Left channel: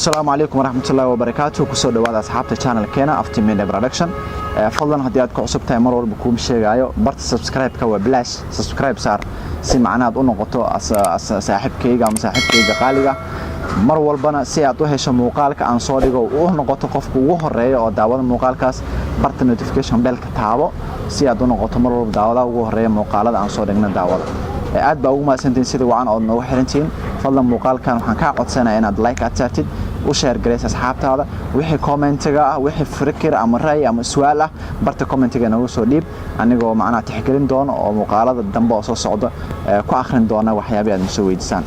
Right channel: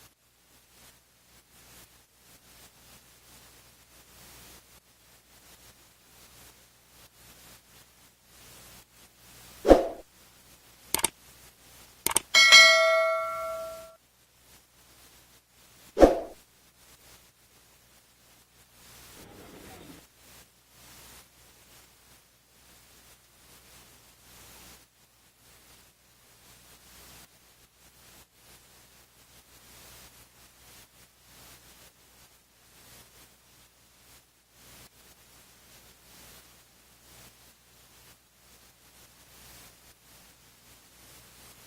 السلام عليكم ورحمة الله وبركاته كسر دواد أصحاب القناة كنا أفتي ميديا برودكشن فضلا هديات كعصب تايمر والبكوم شيء عيو برت سبسكرايب كوا بلاش سبسكرايب صار سمعنا أظن قطع صاحب كيجا مصاحب كيجا قالجا مر والبنا سيعطوه هش مقالك عن صادقه وهو قطع قفك وهو الرأي أو دعوة مقال كاس برت نوتيفيكيشن بيل كتابه سيعطونا قطع مر دعوة وهو الرأي مقالة عن صادقنا دعوة aad baa ugu mahadsantiin sida wacan oo noo xirantiin fadlan muuqaalkan waxaan ka codsanayaa inaad like aad saartid u share gareys asxaabtaada wixii commentiga ah wixii fikir ama raay ama su'aal ah barta commentiga nagu soo dhiib anigoo macnaha tixgelin doono oo muuqaalada dambe oo soo socda ku akhrin doona waxyaabaha aad soo weydiisaan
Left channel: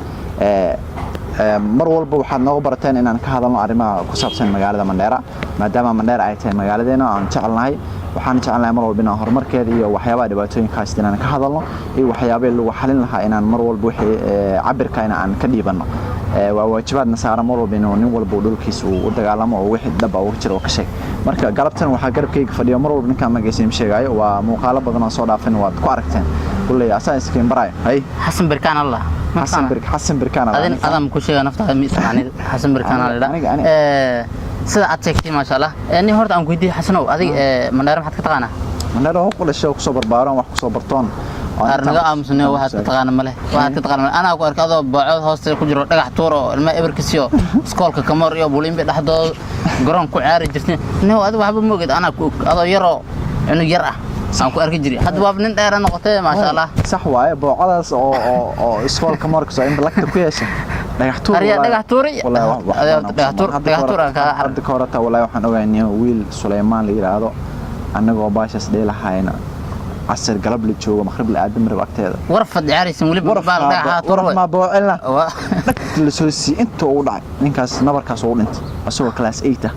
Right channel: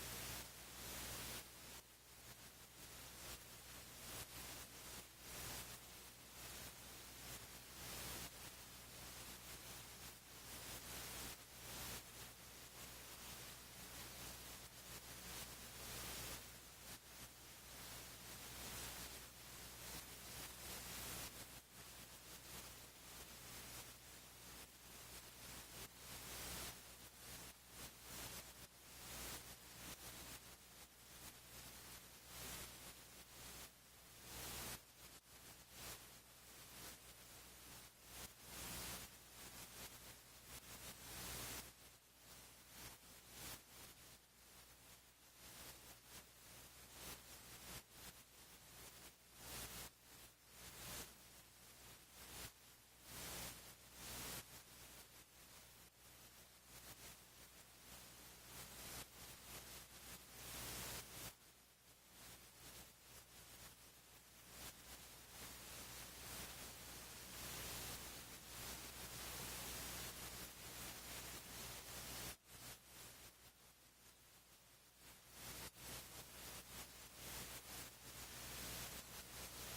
mar walba waxaad noogu barateen inaan ka hadalno arrimaha ku saabsan magaalada Mandheera maadaama Mandheera ay tahay magaaladeena aan jecelnahay waxaan jecelnahay mar walba inaan horumarkeeda iyo waxyaabaha dhibaatooyinka haysta inaan ka hadalno iyo waxyaabaha lagu xalin lahaa inaan mar walba wixii cabirka aan ka dhiibano waa waajibaadna saaran mar walba inuu nin walba dhulkiisa u dagaalamo oo wixii dab ah jiro ka sheeg marka galabtan waxa garabkayga fadhiyo mar walba ninka magaysiin sheegayo waa muuqaalo badan oo soo dhaafin waad ku aragteen kulay asaaskiin baray hay حسن بركان الله حسن بركان الله أدم كل شيء نفتح ميسان حسن بركان الله سيدا أتشكتي ما شاء الله يعني هرت أم كيدي حسنو هذه منار ما حد كتقانا منار هو كل شيء كسبر بارون وكسبر برتون أرنجا أم سنة واحد كتقانا مله واحد كتقانا أنا أقول كذا بعض هاست كجرو رجع تورو الماء إبركسيو سكول كمر يا بولين بيد جرام كعاري جرتين إنه هذا واحد موجود أنا هذا يرى إنه يرى سامكو أركجري هذا باب ننتهي نقطة ما شاء الله صح واي بعض أو سكول كمر كسا إن بلكت كويس دغحتور دغحتوري دغحتور عرض كورتا ولا waxaan ogaanay wiil Suleymaan la yiraahdo anagoo baashas dheelahaayna asar galab la joogo maghrib la aadam rab agteeda warfad ciyaaraysan wali baal dagaxator ma boocelna la soo si inta uu dhacay ninkaas nabarkaas uu dhintay asagoo class 8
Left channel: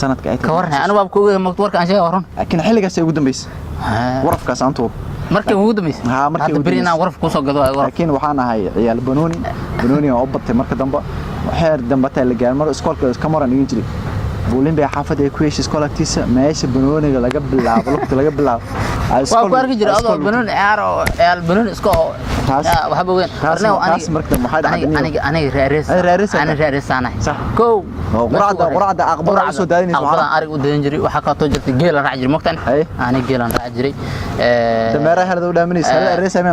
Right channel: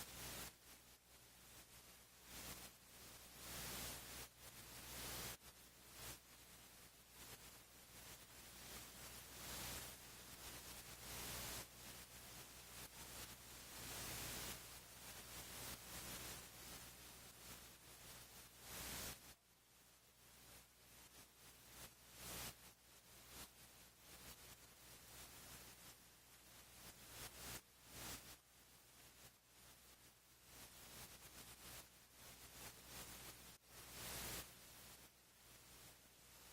sanadka ay ka warnay anu baab ku warka aan sheegay waran laakiin xilligaas ay ugu dambeysay warafkaas aan tuur markii ugu dambeysay markii berina warf ku soo gado laakiin waxaan ahay ciyaal banooni oo batay marka dambe waxay dambatay la gaarmar iskoolka kamaran igin jiray بولين بحافظ يكويش سكولاتيس ماشي بنوني laga bilaabo lugta laga bilaabo waa ku arki jiray adoo banoon ciyaaro banoon isko waxa weyn taas markii maxay dhacday aniga reereysanahay ko quraacda aqbar soo daadinayso waxaan arig u daadan jiray waxa ka too jirtay geel raac jiray mogtan aniga geelan raac jiray dameeraha hada u dhaaminaysa reereysay ma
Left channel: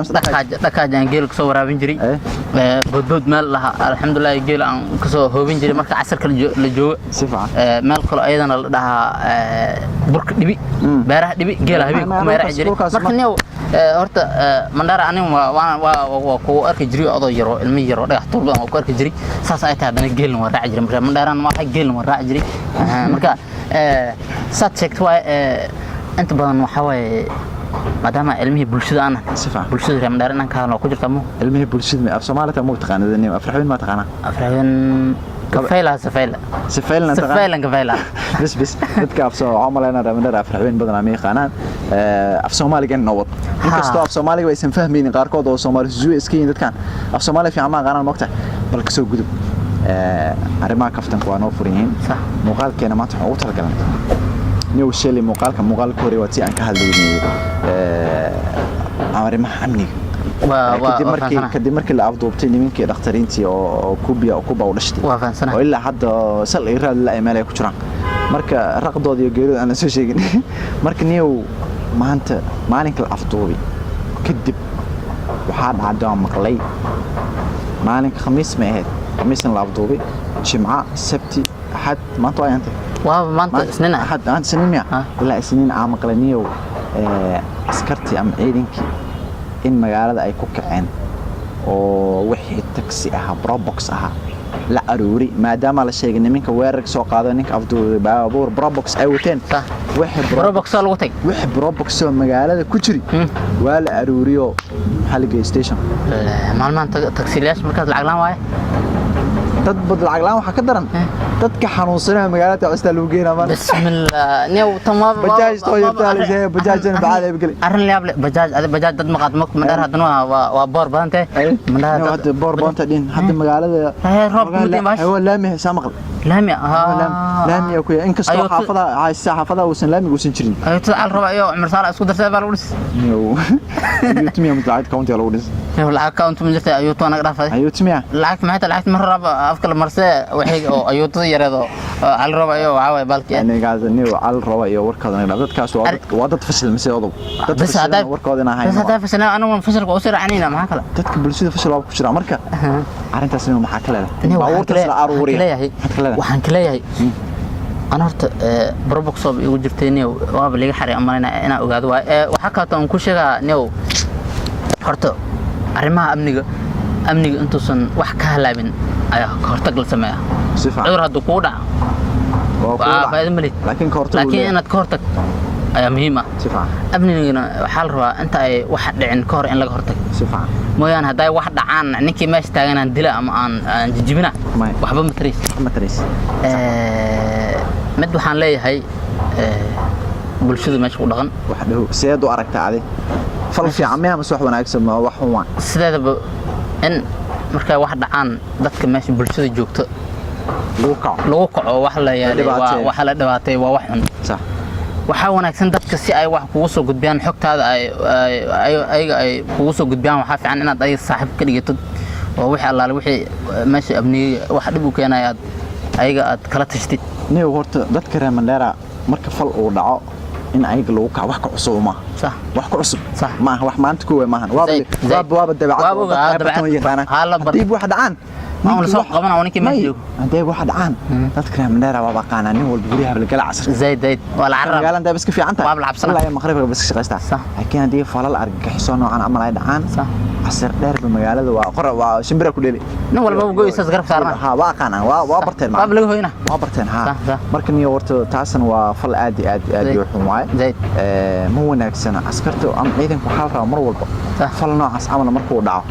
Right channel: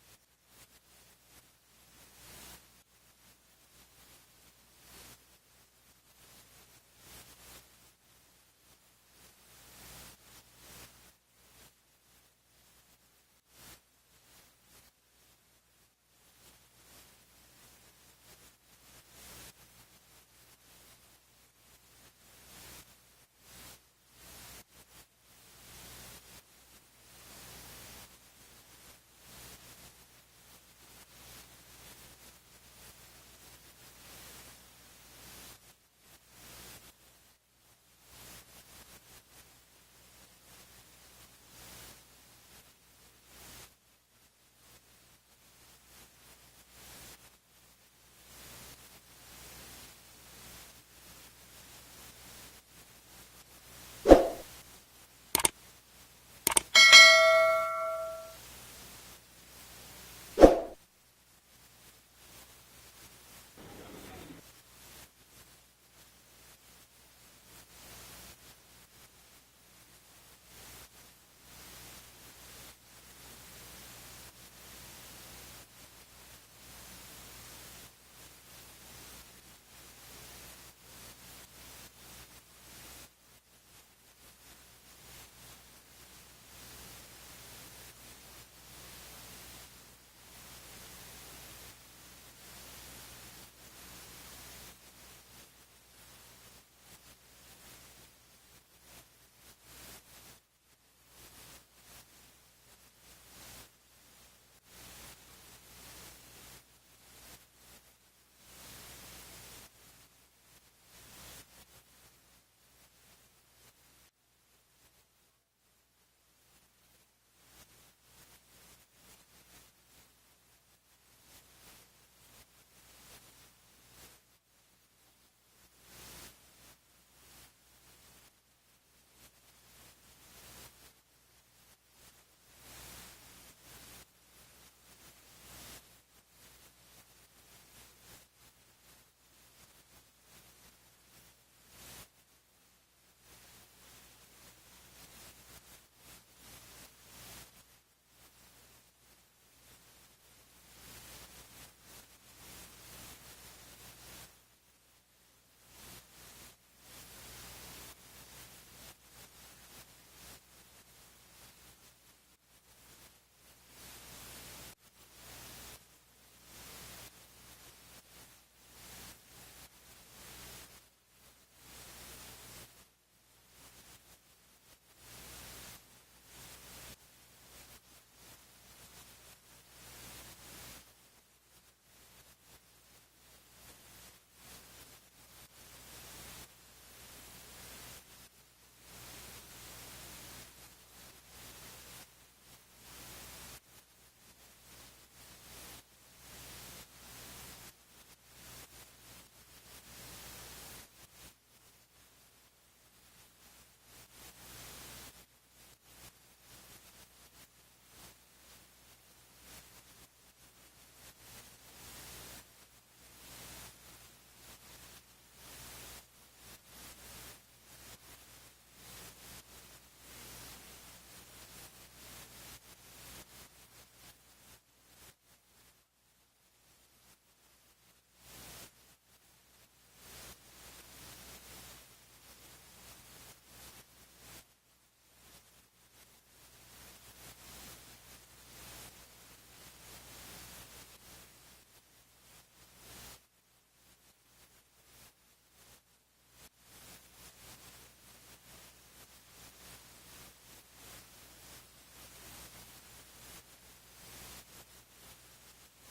dhaqaajaan geel ka soo waraabin jiray bodbood meel laha alxamdulillah geel aan ka soo hoobin jiray marka casarka la joogo si fiican meel kale ayadana la dhahaa burka dhibi beeraha dhibi geela habeenku kuma raaci jiray marka neew horta Mandheera aniga waa ku arki jiray adoo yaro ilmi yaro dhagax tuur badan ku arki jiray saas ay tahay hadana geelna waa raaci jiray marka Mandheera ma waxa geelna waa raaci jiray marka saad sheegtay waa inta badan waxa way maadaama ilmihi bulshada aan bulshada Mandheera inaan ka hadlo ku jirta mo ilmihi bulshada af Soomaaliya ma taqaanadeen afraxin ma taqaana afraxin سفيلا بس dadka af soo camalayna Mandheera afraxin badan ama yaqaanaan af Soomaaliga nabad inkastoo af Soomaaliga aysan fahmaynin qaarkood oo Soomaali suuq iskiin dadkan af Soomaali fiican ma qaanan waqti bal ka soo gudub arrimaha kaftanku waa noo furiin muuqaalkeena maanta waxa uu talagalay niyo sheeli muuqaalka hore waa si aan ka hadlaynay arrimaha amniga kadib markii la afduubtay nimankii dhaqtariintii oo kubiya oo kuba u dhashtay oo ilaa hadda sal ay raad la iimayl ay ku jiraan marka raqdood iyo geeriyood aan soo sheegin marka niyow maanta maalinka la afduubay kadib waxaa dhacday maqlay maalinka khamiis ma ahayd khamiisna la afduubay jimca sabti ahad maanta ay anta maanta isniin ahad aan isniin ilaa isniin aan maqlay niyow askartii am ciidankii in magaalada ay ku kaceen oo wixii taxi ah probox ah la aruuri maadaama la sheegay nimanka weerarka soo qaado ninka afduubay baabuur probox ay wateen wixii probox lagu tag wixii probox oo magaalada ku jiri waa la aruuriyo xalliga station maalmaan taxi-laas markaad lacag laan waaye dad bad lacag laan waxa ka daran dadka xanuunsanaa magaalada custaa lagu geeyna ma bismillah neew tamaam bajaaj too yartaalay bajaajna bacaad ay gali arrin laab bajaaj dad maqad Mandheera hadana waa boor badantay Mandheera hadda boor badanta dhin hadda magaalada roob muddo waa laamay samaqal laami laami ku in kastoo xaafada ay xaafada uusan laami uusan jirin ayuuta al raba iyo Umar Saala isku dartay baa lagu dhis ayuutmiya mutaacid county lagu dhis lacag account ma jirtay ayuuta anaga dhaafay ayuutmiya lacag ma raba afka la marsay waxay oo ayuuta yareedo al raba iyo waxa way balki aniga niyo al raba iyo warkooda dadkaas waa dad fashil mise odob dad warkooda inahay bas hada fashil anagu fashilka oo sircanina maxaa kala dadka bulshada fashil waa ku jira marka arintaas inuu maxaa kale baawurta la aruuriyo waxaan ka leeyahay أنا هرت بربك صوب يقول جرتني وابلي حري أمانة أنا أقعد وحكى تون كل شيء نيو هرت أرمها أمني أنتو سن وحكها لابن أيه هرت قل سماع عذر الدكودة فهذا ملي لكن أنا تكورتك أيه مهمة أبني حال روا أنت أي واحد عن كور إن لك هرتك مويان هداي واحد عن نكى ماشي تاجنا ندلا عن جبنا وحبة متريس mid waxaan leeyahay bulshada meesha ku dhaqan waxdu seedo aragta adi fal fiican ma wax wanaagsan ma wax waan sideedaba in markay wax dhacaan dadka meesha bulshada joogto lagu kaco wax la yahay wax la dhibaatay waa wax xun sax waxa wanaagsan dadka si ay wax kugu soo gudbiyaan xogtaada ay kugu soo gudbiyaan waxa fiican inaad ay saaxiib ka dhigato oo wixii allaale wixii meesha abniga wax dhib u keenay ayaga aad kala tashtid نيو هرت ذات كرام الليرة مركب فل ودعاء إن عيق لو كع وحك عصو ما صح وحك عصو صح ما وح ما أنت كوي ما هن واب الدبعات هلا ديب واحد عن ما هو لسه قبنا ونيك ما يجوا ديب واحد عن ذات كرام الليرة وابقانا نيو والبوريها بالقلع عصر زيد ولا عرب قال أنت بس كيف عنك واب العب لا يا مخرب بس شغلتها صح لكن دي فلال أرجع حسون عن عمل عيد عن صح عصر دار بمجال وقرأ وشمبرة كلية نقول ما بقول يستذكر صارنا ها واقعنا وابرتين ما بلغه هنا وابرتين ها مركن يورت تاسن وفل آدي يحوم زيد مو ناكسنا عسكرته أم عيدن كحالة مر والب فل نوع عس عمل مركو دعو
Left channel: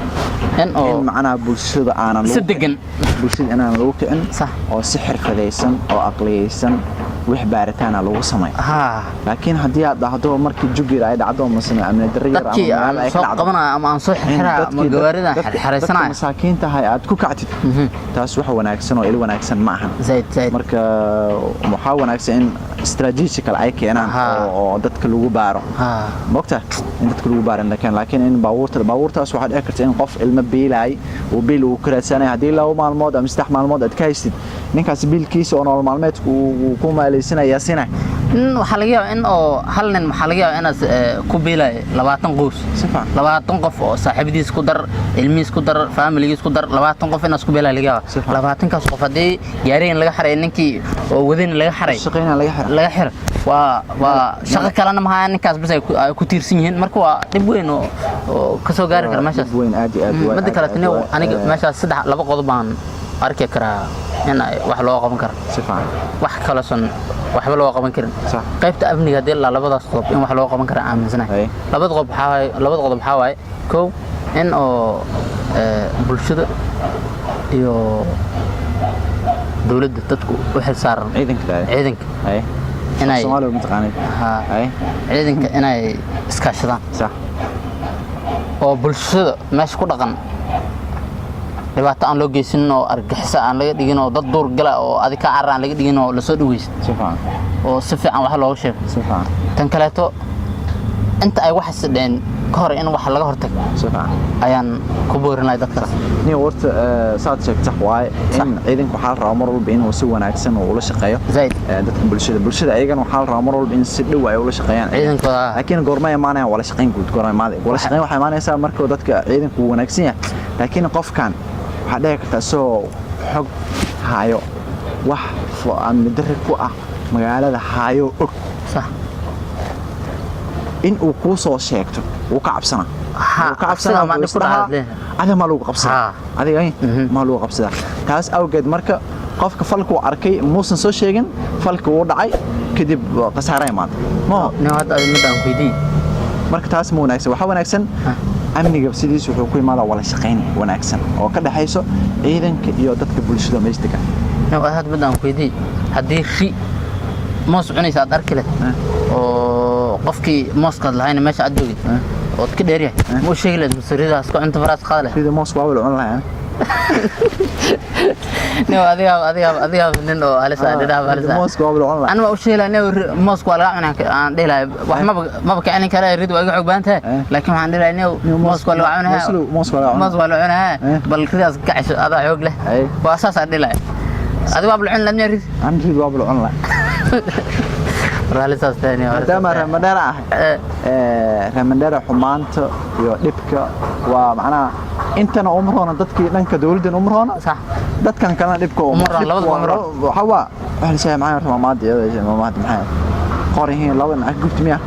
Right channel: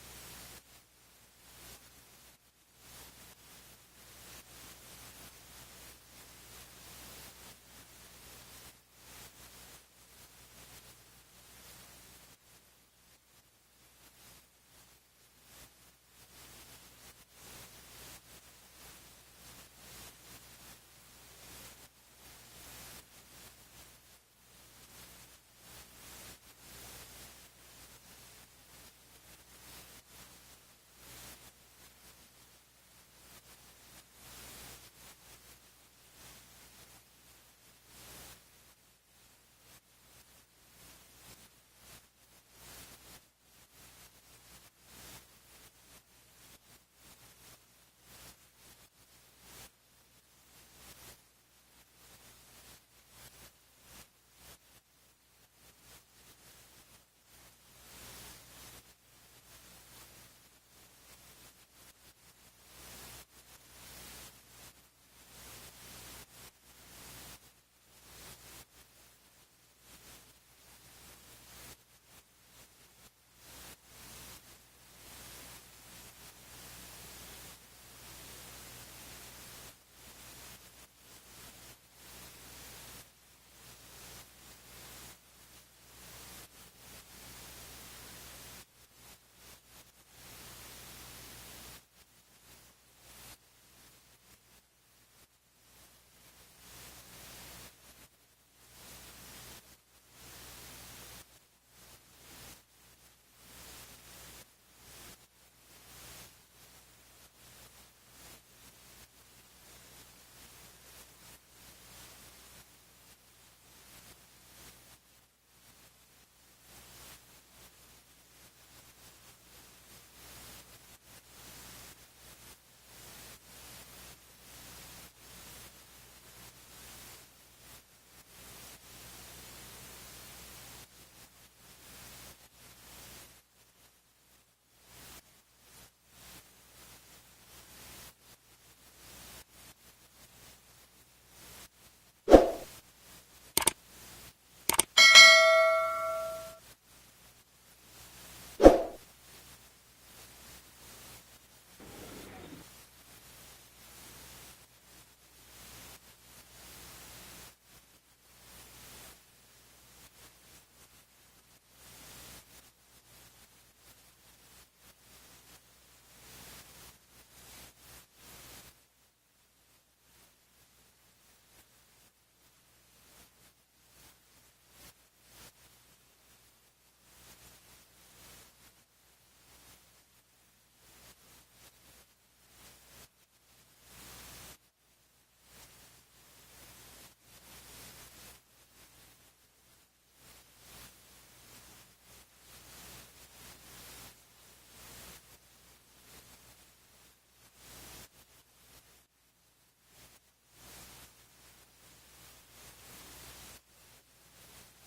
إن معنا بوشيد أنا صدقن بوشيد أنا لوك إن صح أو سحر فديسن أو عقليسن وحبارتنا لو سمي لكن هدي هذا مركي جوجي رايد عدو مثلا أمن الدرير أما سوق قبنا أما نصح حرا مجوارنا حرسنا مساكين تهاي عاد كوكعتي تاسوح وناكسن وإلى وناكسن معها زيد مركا محاول ناكسن استراتيجيكال عيك أنا أو دتك لو بارو وقتها إن دتك لو بارو لكن إن باورت أسوح أكرت إن قف المبيلاي وبيل وكرسانة هدي لو مع الموضة مستحمل الموضة تكايست ninkaas biilkiisa oo nolol maalmeedku uu ku maalaysanaya sina waxa laga yaabaa in oo hal nin waxa laga yaabaa inaad ku biilay 20 qoys 20 qof oo saaxiibadiis ku dar ilmiis ku dar familigiis ku dar 20 qof inaad ku biilay laga yaabaa 20 kaas qof hadii gaareen laga xaray ninkii oo wadin laga xaray shaqeynaa laga xaray waa shaqo kalena ma aha ninkaas bas ay ku tiirsan yihiin marka waa dib weyn oo ka soo gaari kara meeshaas dib weyn aad mid kale aniga meeshaas saddex laba qodob baan arki karaa in wax loo qaban karo si fiican wax kala san waxba loo qaban karin qaybta amniga hadii la labadaas qodob in wax loo qaban karo aaminsanahay labada qodob waxa waaye koow in oo bulshada iyo dawladda dadku u xil saaran ciidanka inay Soomaaliya mutaqaanid ciidanka inay iskaashadaan sax oo bulshada meesha ku dhaqan dhibaato aan loo geysan oo argixisa aan laga dhigin oo dad duur gala oo adika carraan laga dhigin oo la soo dhaweeyay si fiican wax looga sheego tan kaleeto inta ay wax isdheen ka hor in wax laga hortag ayaan ku boorinay dadka ni warta saad sheegtay waay in ciidanku xal raaw mar walba inuu si wanaagsan oo ula shaqeeyo dadka bulshada ayagana waxa raaw mar walba in si dhow ay ula shaqeeyaan ciidanka laakiin goorma imaanaya wala shaqeyn guud goorma wala shaqeyn waxa imaanaysa markuu dadka ciidanku wanaagsan yahay laakiin qofkan waxa dhici karta soo xog haayo wax amni darri ku ah magaalada haayo og sax in uu ku soo sheegto uu ka cabsana ma dhifraa ada ma lagu qabsada adiga ma lagu qabsada taas awgeed marka qofka falku arkay muusan soo sheegin falku uu dhacay kadib qasaare imaan ma hadda midaan weydii marka taas ma wanaagsan waxa wanaagsan amniga sidiis wuxuu ku imaadaa wala shaqeyn wanaagsan oo ka dhaxayso ciidanka iyo dadka bulshada meesha hadda midaan weydii hadii ri moos cunaysa aad arki leh oo qofkii mooska lahayn meesha aad joogid oo ka dheer yahay muu sheegi lahayd masariidaas ku cunto faraas qaad leh sida moos waa wala cun lahayn نيو أذيها نينو على سعد ده على سعد موسكو قبل عمره أنا ما أشيل نيو موسكو ولا أنا عندي لا ما بكأني كلا يريد ويقع بانته لكن عندي لا نيو موسكو ولا عنها موسكو ولا عنها بل كذا كعش هذا عقله وأساس عندي لا هذا باب العون لم يريد عندي باب العمره رالي ساس ثاني دام رمضان رمضان حمانته iyo dhibka waa macna intana umroona dadkii dhanka dawladda umroona صح dadkan kalena dhibka umroona labada umro waxa waxa shay macna maamaad maxay qorihiin laba nac gubtimiya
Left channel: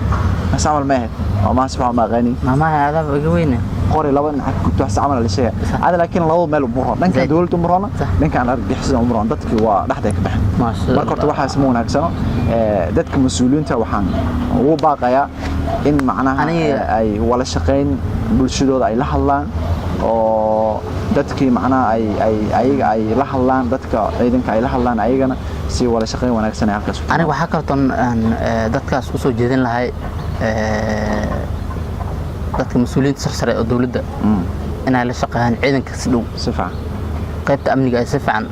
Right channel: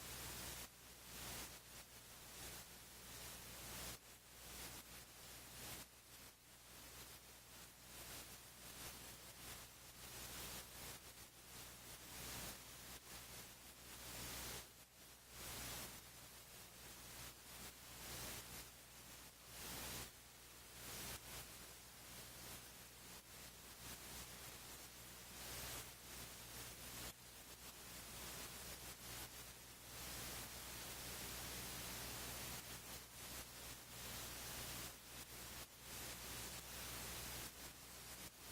asamal ma ahayd ma asbax ma qani ما هذا بقوينا qori laba nac gubto wax amal la shay hada laakiin laba meel umro dhanka dawladda umroona dhanka aan argixisada umroona dadkii waa dhaxday ka baxay ما شاء الله marka horta waxa isma wanaagsan dadka mas'uuliyiinta waxaan ugu baaqayaa in macnaha ay wala shaqeyn bulshadooda ay la hadlaan oo dadkii macnaha ay la hadlaan dadka ciidanka ay la hadlaan ayagana si wala shaqeyn wanaagsan ay halkaas aniga waxa kartan dadkaas u soo jeedin lahay dadka mas'uuliyiinta sarsare oo dawladda inay la shaqeeyaan ciidanka si dhow si fiican qaybta amniga ay si fiican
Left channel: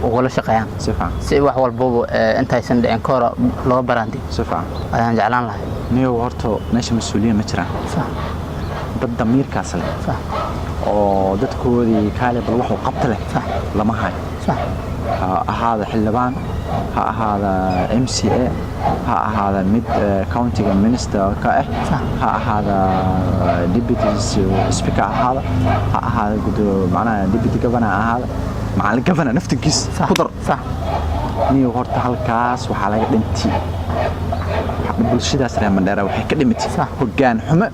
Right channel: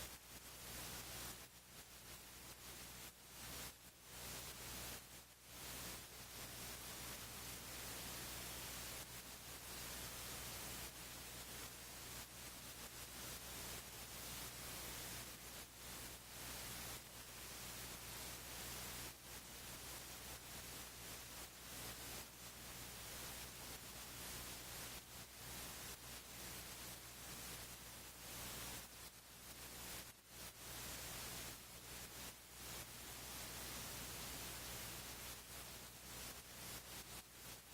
ولا شقيان سفعان سي wax walbo intay san dhicin koora loo baraandi sifaan ayaan jeclaan lahay niyo horto meesha mas'uuliyiin ma jiraan sax dad damiirkaas leh sax oo dadkoodii kaale bal wax uu qabta leh sax lama hayo sax هذا حلبان هذا MCA هذا ميد كاونتي مينستر كاه هذا ديبيتي سبيكر هذا قد معناه ديبيتي جفنا هذا مع الجفنا نفط الكيس قدر صح نيو هورتا halkaas waxa laga dhintii bulshadaas reer Mandheera waxay ka dhimitay hoggaan xumo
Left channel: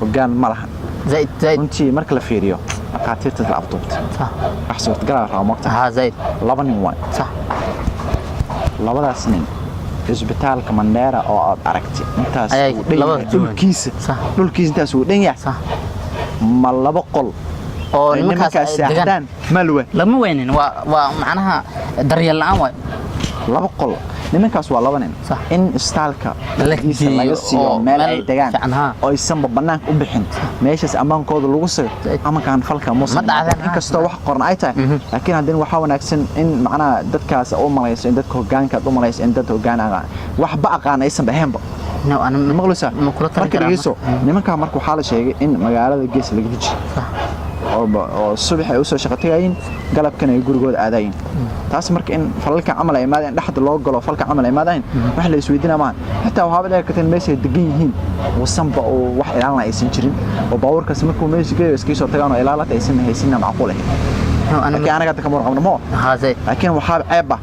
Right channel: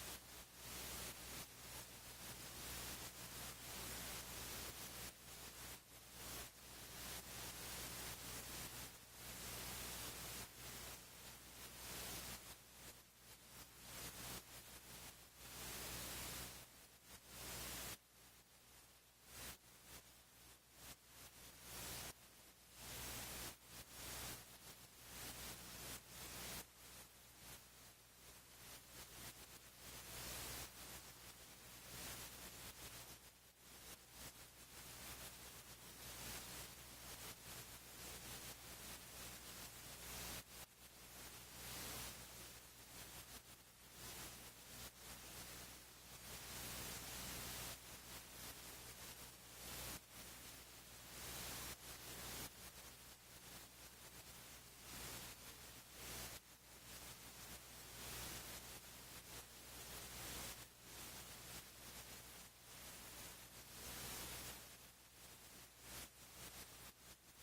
hoggaan ma lahan زايد intii marka la fiiriyo dhaqaatiirta la abtoobtay صح wax suurta gal ah ma ها زايد laba nin waay صح labadaas nin isbitaalka Mandheera oo aad aragtay intaas dhulkiisa intaas uu dhan yahay صح ma laba qol oo nimankaas deegaan malwe lama weynin waa macnaha daryeel la'aan waay laba qol nimankaas waa laba nin in istaalka laga siiyo meel ay degaan oo aysan banaanka u bixin meeshaas amaankooda lagu soo ama kan falka muslim inkastoo wax qoran ay tahay laakiin hadin waxa wanaagsan in macnaha dadkaas oo malayso in dadka hoggaanka u malayso in dad hoggaanaga wax ba aqaan aysan bahaynba أنا مقلوسة marka dhigeyso nimanka markuu xal sheegay in magaalada gees laga hiji oo subax ay u soo shaqo tagayeen galabkan ay gurigooda aadaayeen taas marka in falalka amal ay maadeen dhaxda loo galo falka amal ay maadeen wax la isweydiina ma hatta waxa bada ka tan meesha degan yihiin wasanba oo wax ilaalin aysan jirin oo baawarkaas markuu meesha geeyo iska soo tagaan oo ilaalada aysan haysan macquul ah أنا قاعد كمر قبل مو هذا لكن وحاب عيبة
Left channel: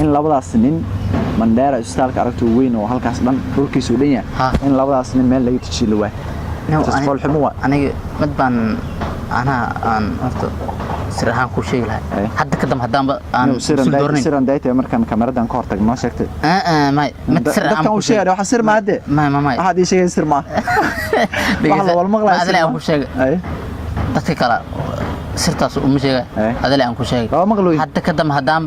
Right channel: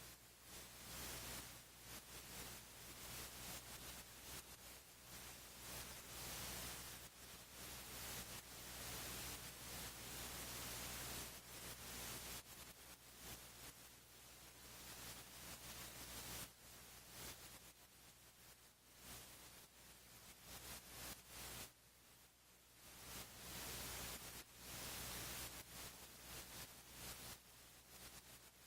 إن لبضع سنين Mandheera istaalka aragto weyn oo halkaas dhan dhulkiisu dhan yahay in labadaas nin meel laga tijilo waa tasfol xumo aniga mid baan aan horta sirahan ku sheegi lahay hadda kadam hadaan aan siran dayta markan kameradan ka hortag ma sheegtay may mid sirahan ku sheegay waxa sir ma hade may waxa ii sheegay sir ma waxa wal maqlaa adala aan ku sheegay dadka kala sirtaas uma sheegay adala aan ku sheegay hadda kadam hadaan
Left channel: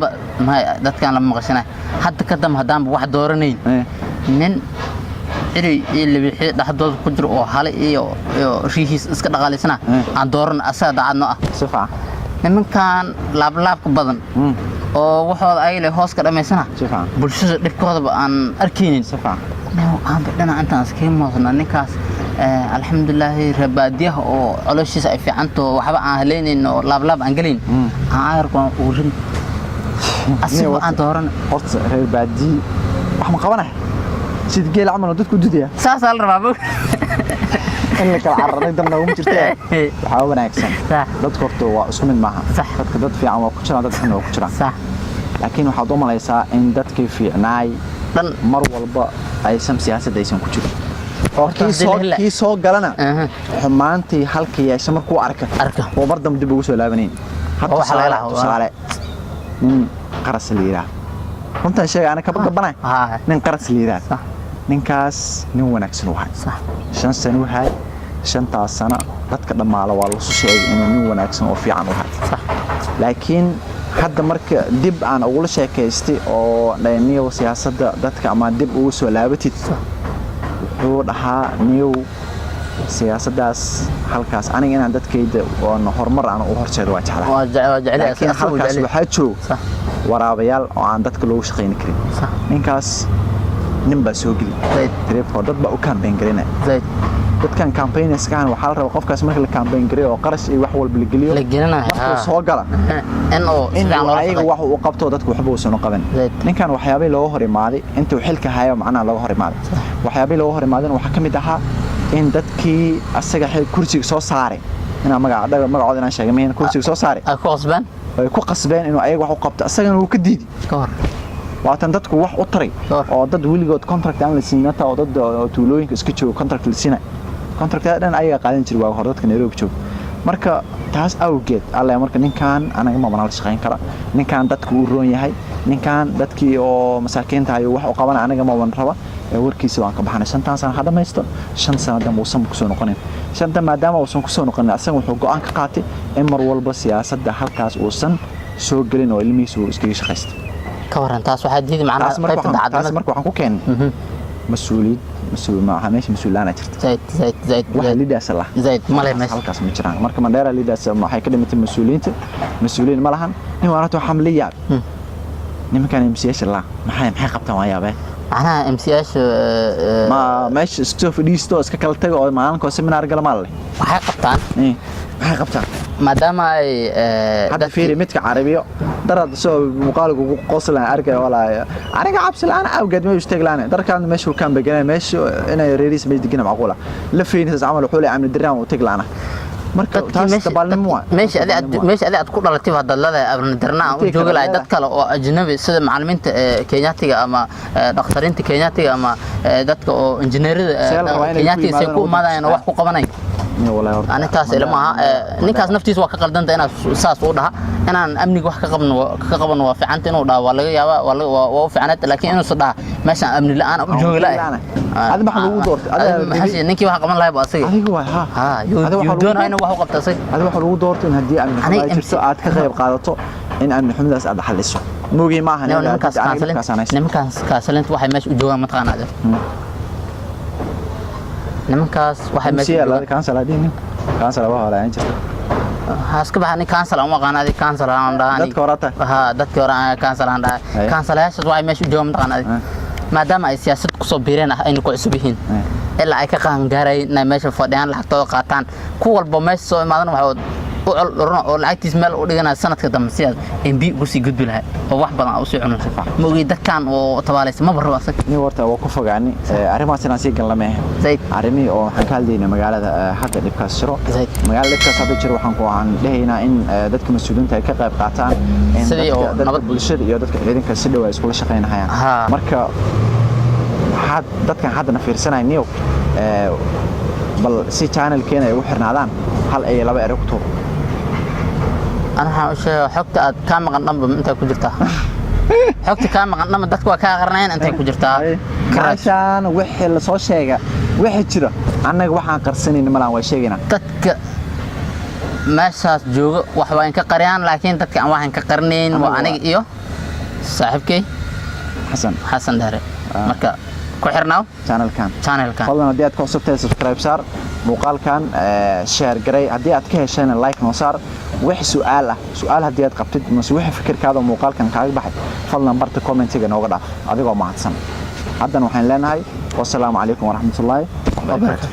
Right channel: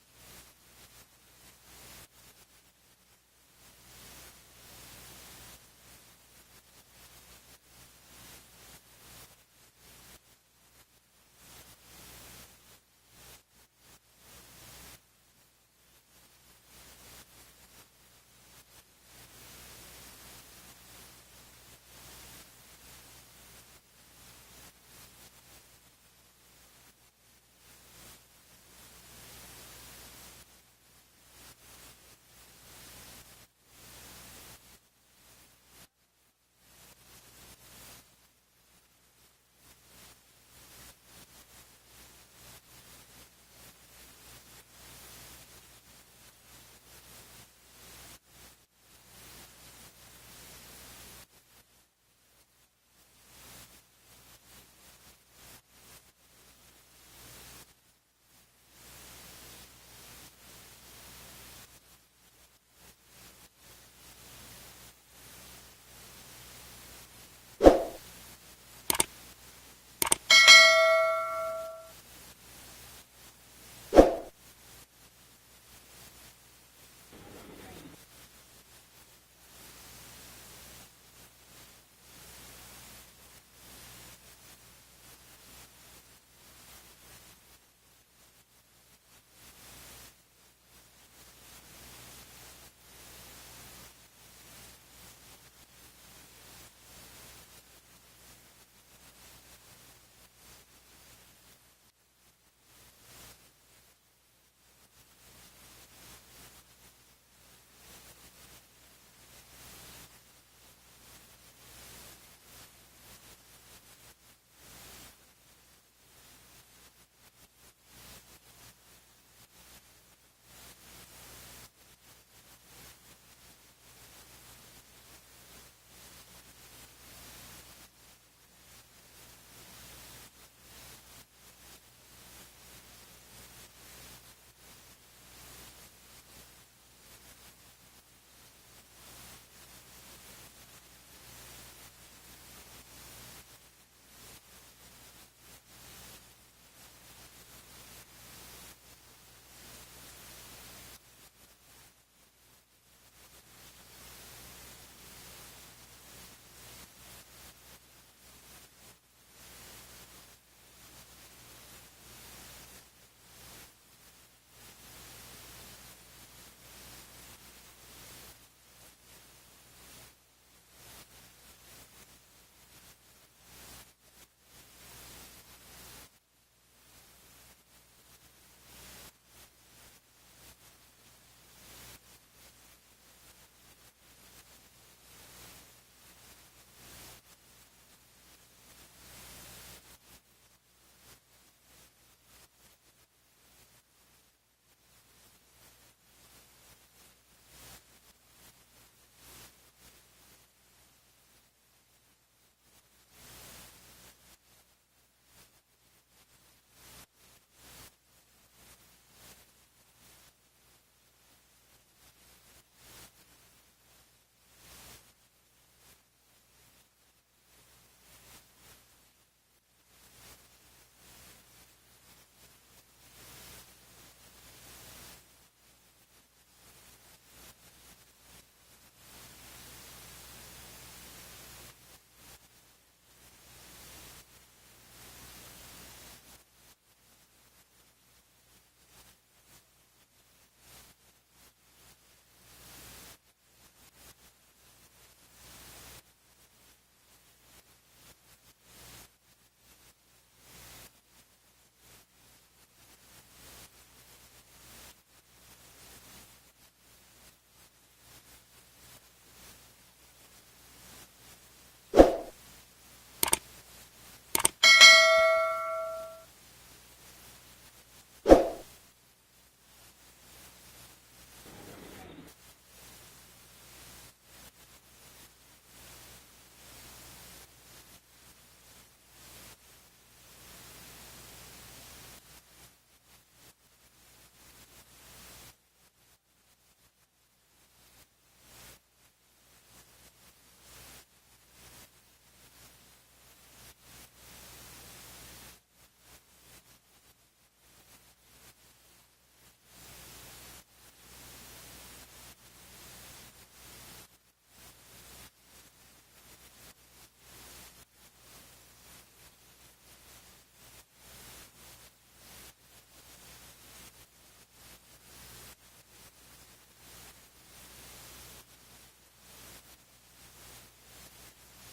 may dadkan la maqashanay hadda kadam hadaan wax dooranayn nin iri ilaa dhaxdood ku jiro oo hal iyo riixis iska dhaqaaleysana aan dooran asaga daacadno ah sifa nimankan laab badan oo waxooda ay leh hoos ka dhameysana bulshada dhibkooda aan arkeenin sifa aan badana intaan iska moosna ninkaas alxamdulillah rabaadiyaha oo calooshiisa ay fiicanto waxba aan haleyneen oo laab aan galin aan ayarko ugu rin asiga aan dooran horta rabaadi wax ma qabanahay sid geel amal dadku dudaya saas la rabaa in la kala carray dadna ugu jirtay waxa wanaagsan dadku horta waa isku mid maaha dadka dad fiican waa ku jiraan dad xun waa ku jiraan sax laakiin waxa u malaysaa in dadkii fiicnaay dhan mar walba aysan siyaasadda aysan ku jirin kii soo galana xumaantii halkii yeesha markuu arka oo bardam dib ugu soo laabaneen hadda tusaale nin qaras liira runtan sheegay ana ka badbanay nin qaras liira ninkaas nin wanaagsan wahay 5 sano wahay 5 sano dadka dhamaala waa la soo sheegay inuu nin wanaagsan oo fiican wahay laakiin hadda marka dib aan ugu sheekaystay oo dhayniyo siyaasadda dadka ama dib ugu soo laabatid wuxuu dhahaa niyow siyaasaddaas halkaas aniga inaan dadkayda oo horumar aan u horseedo waa jeclahay laakiin halkaas waxaa jooga waraabayaal oo aan dadka loogu shaqayn karin ninkaas nin baa soo geli taleefon dad baa u campaign garinaya dadkan campaignerskan waxaa la rabaa qofkaas marka la campaign gareeyo oo qarash iyo wax walba la geliyo markuu soo gala in ayaga wax uu qabto dadku waxba uusan u qaban ninkan waxyaabay looga hor imaaday intuu xilka hayo macnaha looga hor imaaday waxyaabay looga hor imaadeen waxaa ka mid ahaa in dadkii asaga kursiga soo saaray inaan magacooda inaan sheegay miyaan kursiga soo saaray ay ku qasbeen inuu ayaga wax u qabto asagana uu ka diidi waatan dadku wax u taray oo dad weligood contract aan la siinata oo dad tuulooyinka iska jooga contract la siinay contractada dhan ayaga qaadan jiray waa hor dadka Nairobi jooga marka taas awgeed alla marka ninkan anaga ma banaan la shaqeyn kara ninkan dadku uu roon yahay ninkan dadkii oo masaakiinta ay wax u qaban anaga ma wan raba warkiisa waan ka baxnay 5 sano hadda maysto 5 sano dam uusan ku soo noqonin shanta maadaama uusan ku soo noqonin asaga wuxuu go'aan ka qaatay in mar walba siyaasadda halkaas uusan soo galin oo ilmihiisu iskaga shaqeysto ka waran taas waxa diiday macnaha qaybta dacadda taas marka waxaan ku keenay مسؤول ما هميش مسؤول أنا شرت زايد واحد ليداس الله زايد ما له مش هالكاس مجران مركب منديرة ليداس ما حي كلمة مسؤولين ما لهن هو أنا تو حملية نما كان MCS الله ما حي قبته ما يابه أنا MCS ما مش استوف ديستو اسكالتة أو ما أنا كوسم من أرجل مالي ما حي قبتان إيه ما حي قبتان ما دام هذا فيري متك عربية درد سو مقالق وقصل أنا أرجع ولا أنا قابس الآن أو قد ما يشتغل أنا در كان مش وكان بجنا مش أنا ريريس مش دقينا معقولة لفين عملوا حولي عمل الدرام وتقل أنا marka taas tabalnimo meesha aad ku dhalatay hadda la abnadarnaa oo jooga la dad kale oo ajnabi sida macallimiinta Kenyaatiga ama dhaqtariinta Kenyaatiga ama dadka oo injineerada Kenyaatiga si ku imaadayaan wax ku qabanay أنا تاس إلى ما نكاس نفتيس وقت قدرت أنا ساس وضها أنا أمني وقت كقبنا وفي عنتنا وضها ولا وفي عنت لكن أنا صدها ماشي أمني لا أنا بجوج لا هذا ما حلو دورت هذا حسي نكى واحد قبنا لا يبغى صير ها يدون هنا واحد قبض صير هذا ما حلو دورت إن هدي أمني حماية ساعات كغيب قادته إن أمني حمد أسعد حلسه موجي معها نمكاس كاسلنت واحد ماشي وجوه متقنا هذا نمكاس واحد ماشي كانسل هذين كانسل واه لا انجست هاسك بحني كانسل ما قانا دي كانسل aan dhaani dadka horata dadka hore كانسل aan dhaay كانسلyaasha waxa meesha joom taqaanay maadaama ay siyaasad ku soo biireen ah inay ku cusub yihiin ilaa ay ka qaan gaaray inay meesha fadhiyaan lacagtooda qaataan ku walba meesha soo imaadan waxa oo lacagtiis meel u dhigana sanadka dambe si MB ugu sii gudbi lahaa oo wax badan u soo cunaysa ma ogi dadkan oo tabaalaysa ma barro asag ni warta waa ku fogaani arrimahaas inaan sii galnaa arrimi oo waxaan ka hadlaynaa magaalada xagga dhibkaas jiro magaalada dhibkaas hadda jiro waxaan ku aan dhahaynaa in dadka mas'uuliyiinta ay ka qayb qaataan in dadka bulshada iyo dadka ciidanka si dhow ay isku shaqeynayaan marka waxaad dadkan hadda fiirsanayniyo bal si channel-keena ay u xirnaadaan hal ay laba eray ku tuur أنا حاشة حكت كام قنبة أنت كجرتها حكت كام قنبة دتك وكاغرنين أنت كجرتها عشان وحل صو شيء وحد كذا أنا وحنا قرصنين ملان وشيءنا دتك ما شاف جوج وحوين كقريان لكن دتك عن وحنا كقرنين وأنا إيوه صاحبك حسن دهري مركا كحرناو channel كان فضلا هدي أتكون سبتة سبسكرايب صار مقال كان شير جري هدي أتكيه شان لايك نصار وح سؤال هدي أتقبض مسوي فكر كذا مقال كان كعب بحد فضلا برت كومنت تيجي نوقدا هذا قام معتصم عدنا وحين لنا هاي والسلام عليكم ورحمة الله وبركاته